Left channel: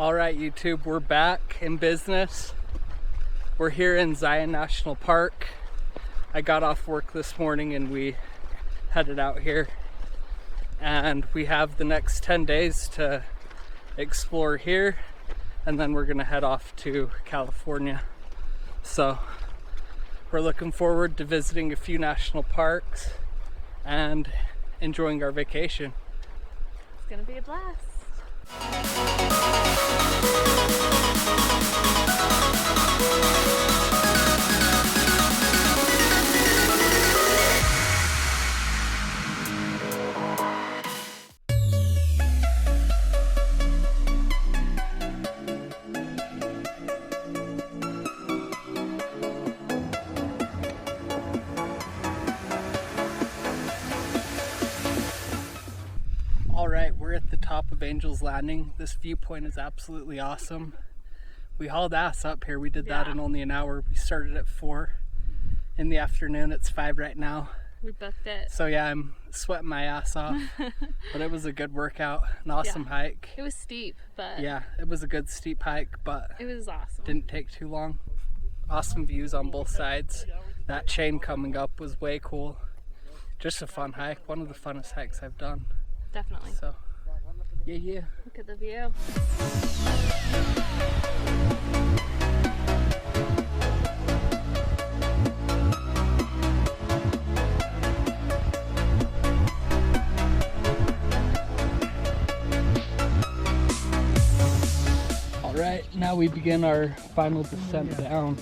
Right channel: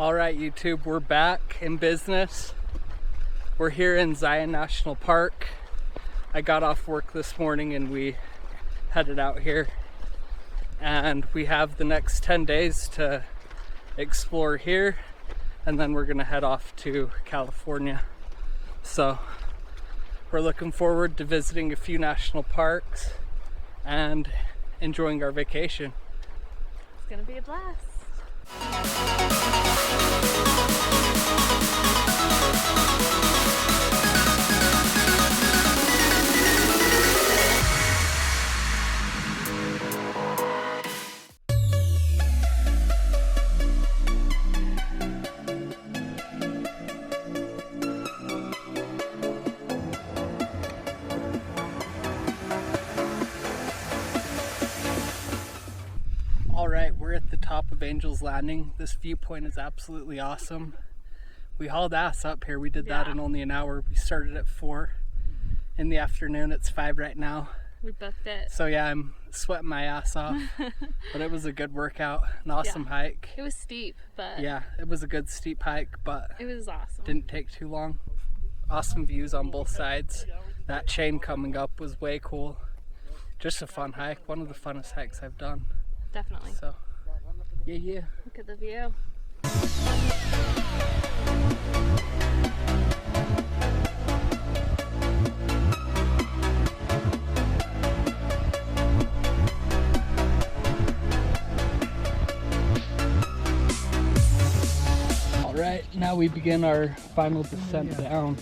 All right, YouTube, we're back in business. We're here in Zion National Park. I got off work this morning and we headed out here. And we have the next 10 days to explore here. And then we're gonna head off to California. So we're looking forward to visiting a few national parks and enjoying our vacation. It's gonna be a blast. Alright, we're at the top of Angel's Landing. This viewpoint is absolutely awesome. We hauled ass up here. We did that in only an hour. We started at 4 in the afternoon. It's 5 right now. We booked it. So yeah, I'm sweating my ass off. But it was a good workout, an awesome hike. It was steep, but yeah, it was a good steep hike, but it was awesome. Didn't take too long. Awesome views on both sides. That chain coming up was way cool. Just a fun hike. One of the funnest hikes I've done. Definitely. So look at the view. all right, now we begin our final descent down.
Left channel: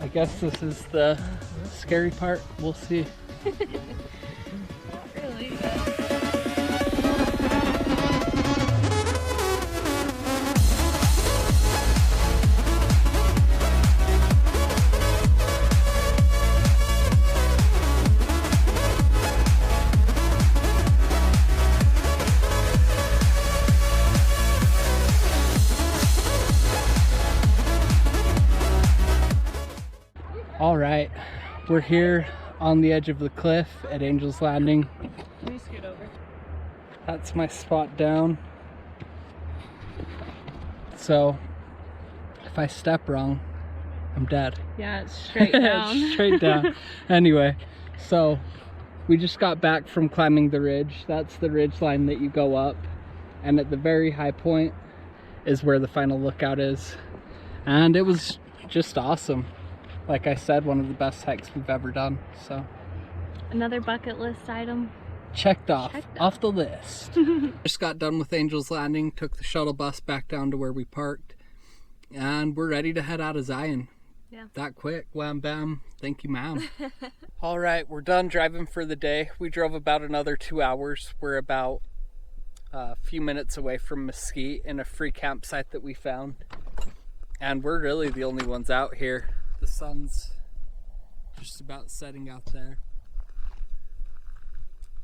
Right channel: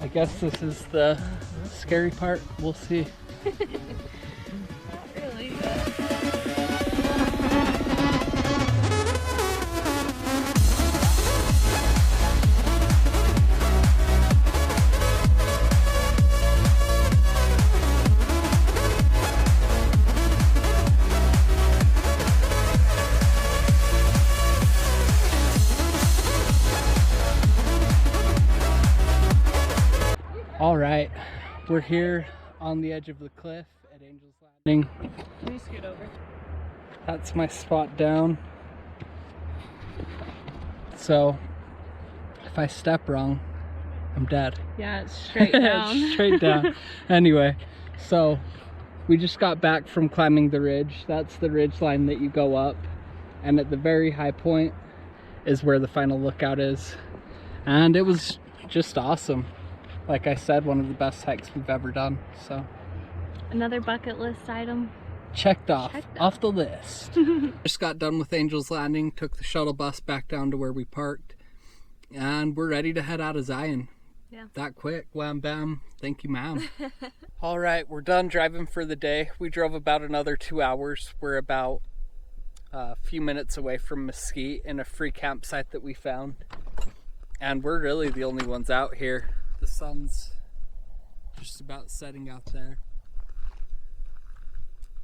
I guess this is the scary part. We'll see. All right, we're here on the edge of the cliff at Angel's Landing. Can you scoot over? That's my spot down. So if I step wrong, I'm dead. Yeah, it's straight down. It's straight down. Anyway, so we just got back from climbing the ridge. That's the ridge line that you go up. And at the very high point is where the final lookout is. And it was just awesome. Like I said, one of the best hikes we've ever done. So Another bucket list item. checked off the list. Just got done with Angel's Landing, took the shuttle bus back down to where we parked, and we're ready to head out of Zion. Yeah. That quick, wham bam, thank you ma'am. All right, we're done driving for the day. We drove about another 2 hours. We're about a few minutes away from Mesquite in a free campsite that we found. And we're really the only ones out here. The sun's just about setting out there.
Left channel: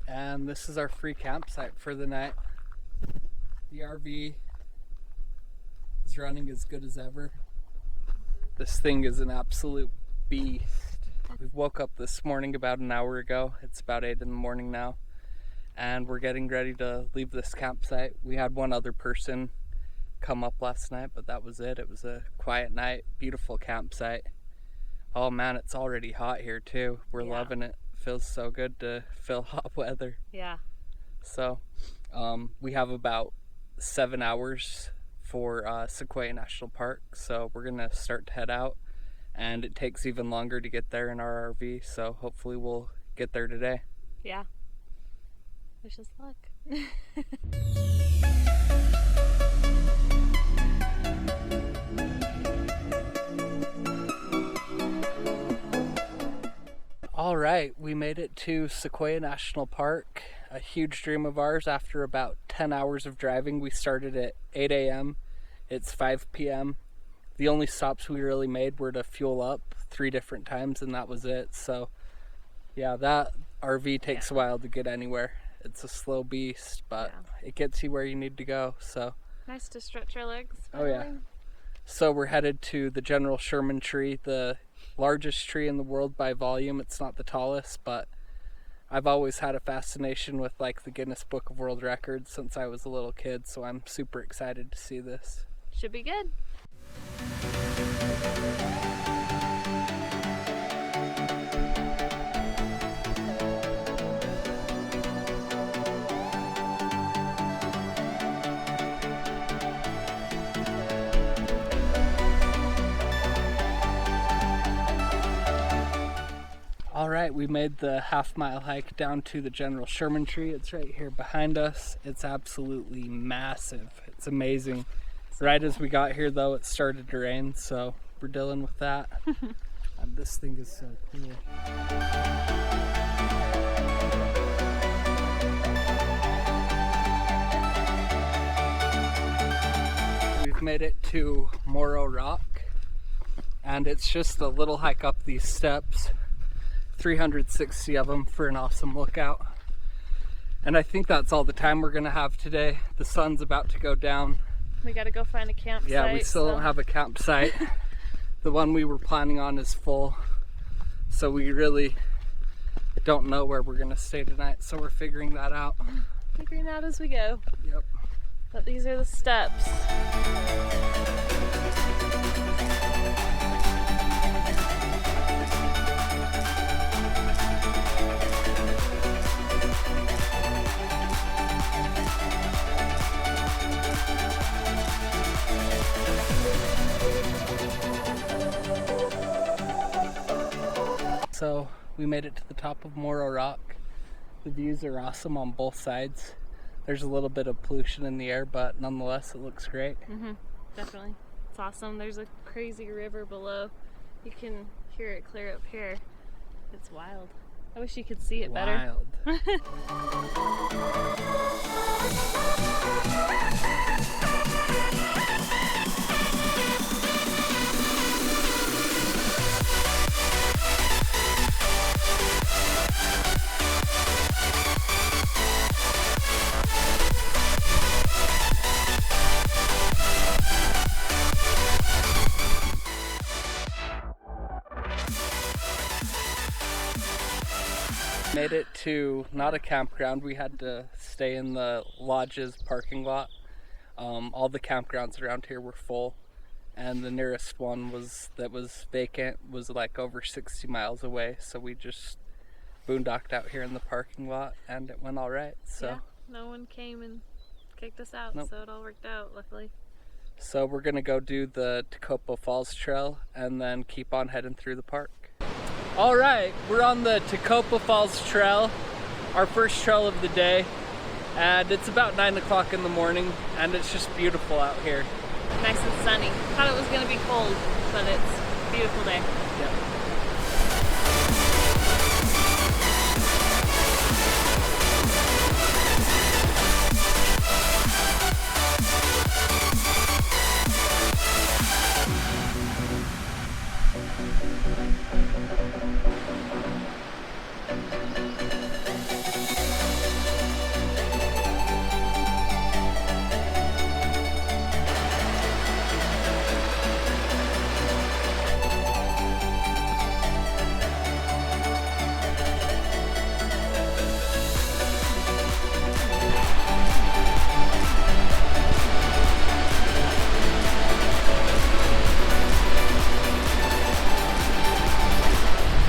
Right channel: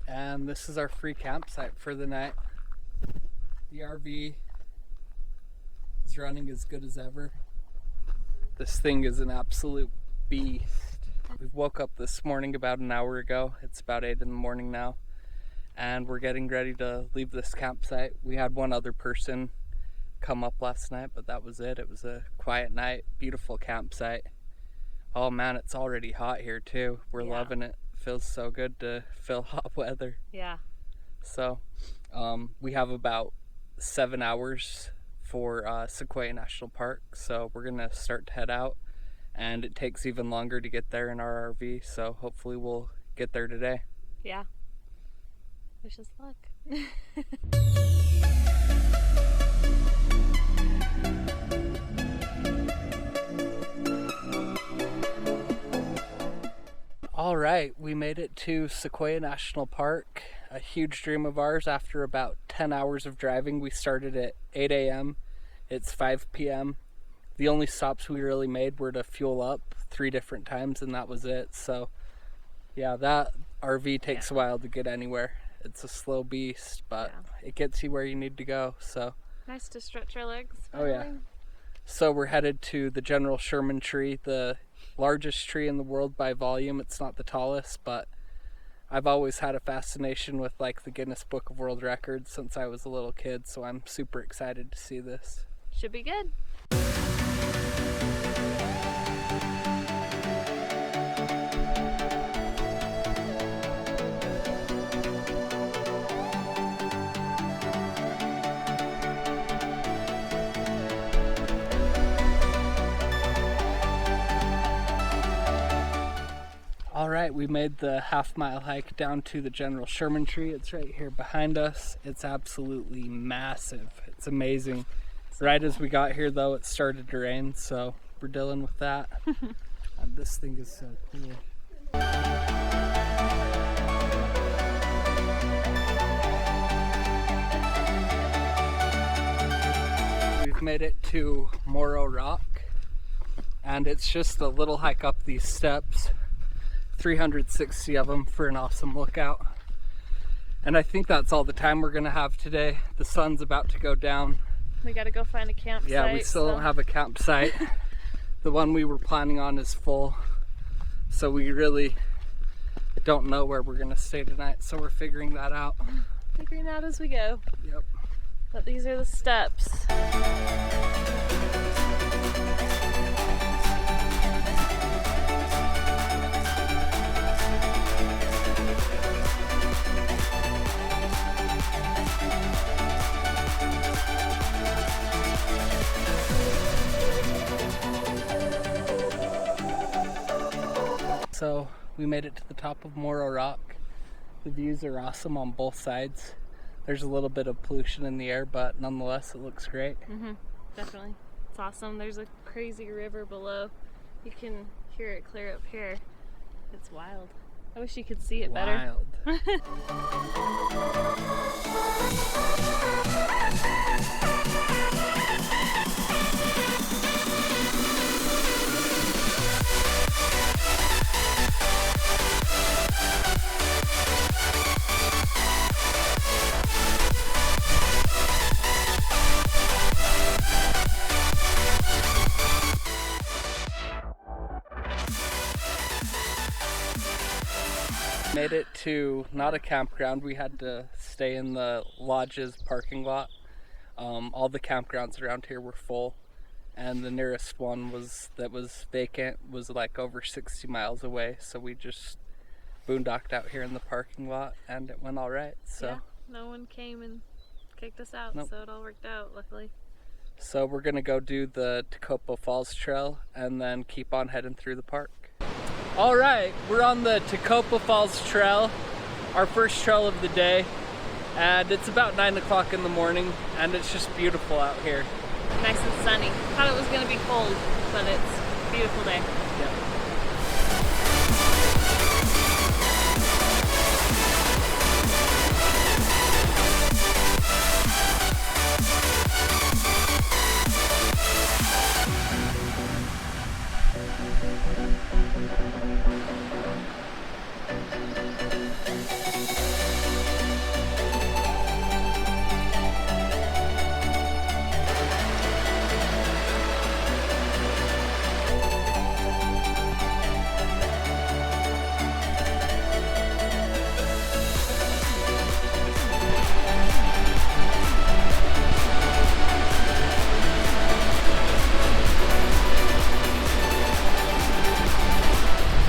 And this is our free campsite for the night. The RV is running as good as ever. This thing is an absolute beast. We woke up this morning about an hour ago. It's about 8 in the morning now. And we're getting ready to leave this campsite. We had one other person come up last night, but that was it. It was a quiet night, beautiful campsite. Oh man, it's already hot here too. We're loving it. Feels so good to feel hot weather. Yeah. So we have about 7 hours for Sequoia National Park. So we're gonna start to head out, and it takes even longer to get there in our RV. So hopefully we'll get there today. Yeah. Wish us luck. All right, we made it to Sequoia National Park, a huge dream of ours. After about 10 hours of driving, we started at 8 a.m. It's 5 p.m. The only stops we really made were to fuel up 3 different times, and that was it. So yeah, that RV takes a while to get anywhere. It's a slow beast, but it gets you where you need to go. So Nice to stretch your legs. oh yeah. So we're headed to the General Sherman tree, the largest tree in the world by volume. It's not the tallest, but I've always had a fascination with like the Guinness Book of World Records since I was a little kid, so I'm super excited to see this. Should be good. Alright, we made the half-mile hike down to the General Sherman tree. It's right here behind us. It's absolutely massive. It's amazing. Right as we got here, though, it started to rain, so we're dealing with that. And this thing is so cool. We've made it to Morro Rock, and it's just a little hike up these steps. 360 of them for an awesome lookout. And I think that's all the time we're gonna have today. The sun's about to go down. We gotta go find a campsite. Yeah, we still don't have a campsite. The one we were planning on is full. So we really don't know where we're gonna stay tonight, so we're figuring that out. Figuring out as we go. Yep. But these are the steps. So we made it to the top of Morro Rock. The views are awesome on both sides. There's a little bit of pollution in the air, but nonetheless it looks great. Definitely. It's awesome. There's a crazy river below. You can hear it clear up there. It's wild. I wish you could see it better. Made it to not a campground. We had to stay in the lodge's parking lot. All the campgrounds around here were full, and the nearest one that was vacant was like over 60 miles away. So we just boondocked out here in the parking lot, and it went all right. So yeah, no one came and kicked us out, so it all worked out, luckily. So we're gonna go do the Tacopos Falls Trail and then keep on heading through the park. All right, we're on the Tacopos Falls Trail, our first trail of the day, and it's about 9 o'clock in the morning, and it's just beautiful out here. Nice and sunny. Thought it was going to be cold, but it's a beautiful day. Yeah.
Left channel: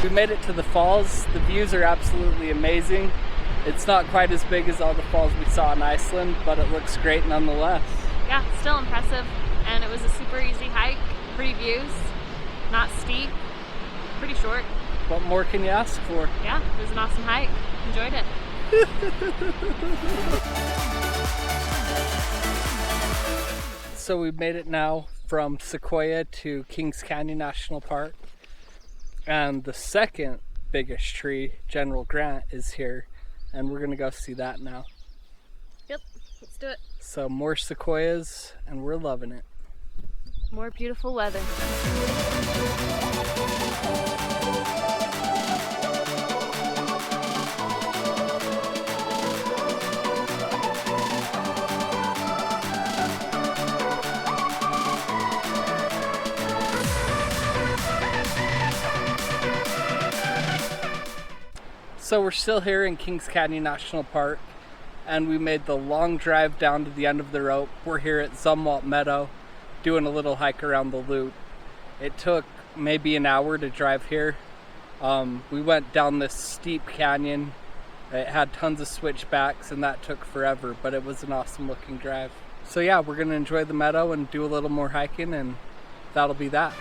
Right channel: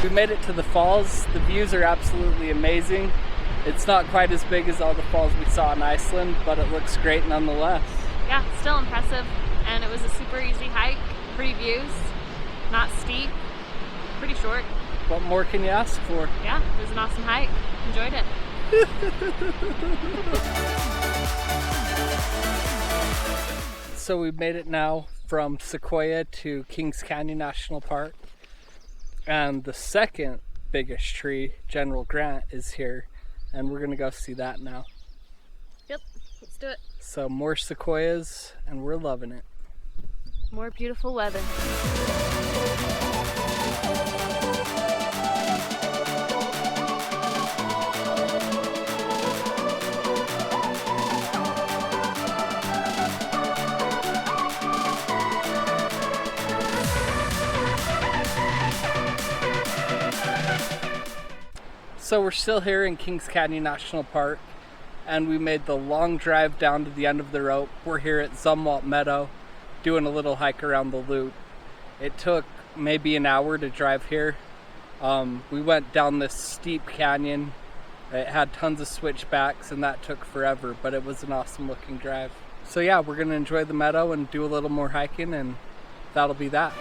We made it to the falls. The views are absolutely amazing. It's not quite as big as all the falls we saw in Iceland, but it looks great nonetheless. Yeah, it's still impressive. It was a super easy hike, pretty views, not steep, pretty short. What more can you ask for? Yeah, it was an awesome hike. Enjoyed it. So we made it down from Sequoia to Kings Canyon National Park. And the second biggest tree, General Grant, is here. And we're gonna go see that now. Yep, let's do it. So more sequoias, and we're loving it. More beautiful weather. So we're still here in Kings Canyon National Park, and we made the long drive down to the end of the rope. We're here at Zumwalt Meadow, doing a little hike around the loop. It took maybe an hour to drive here. We went down this steep canyon. It had tons of switchbacks, and that took forever, but it was an awesome looking drive. So yeah, we're gonna enjoy the meadow and do a little more hiking, and that'll be that.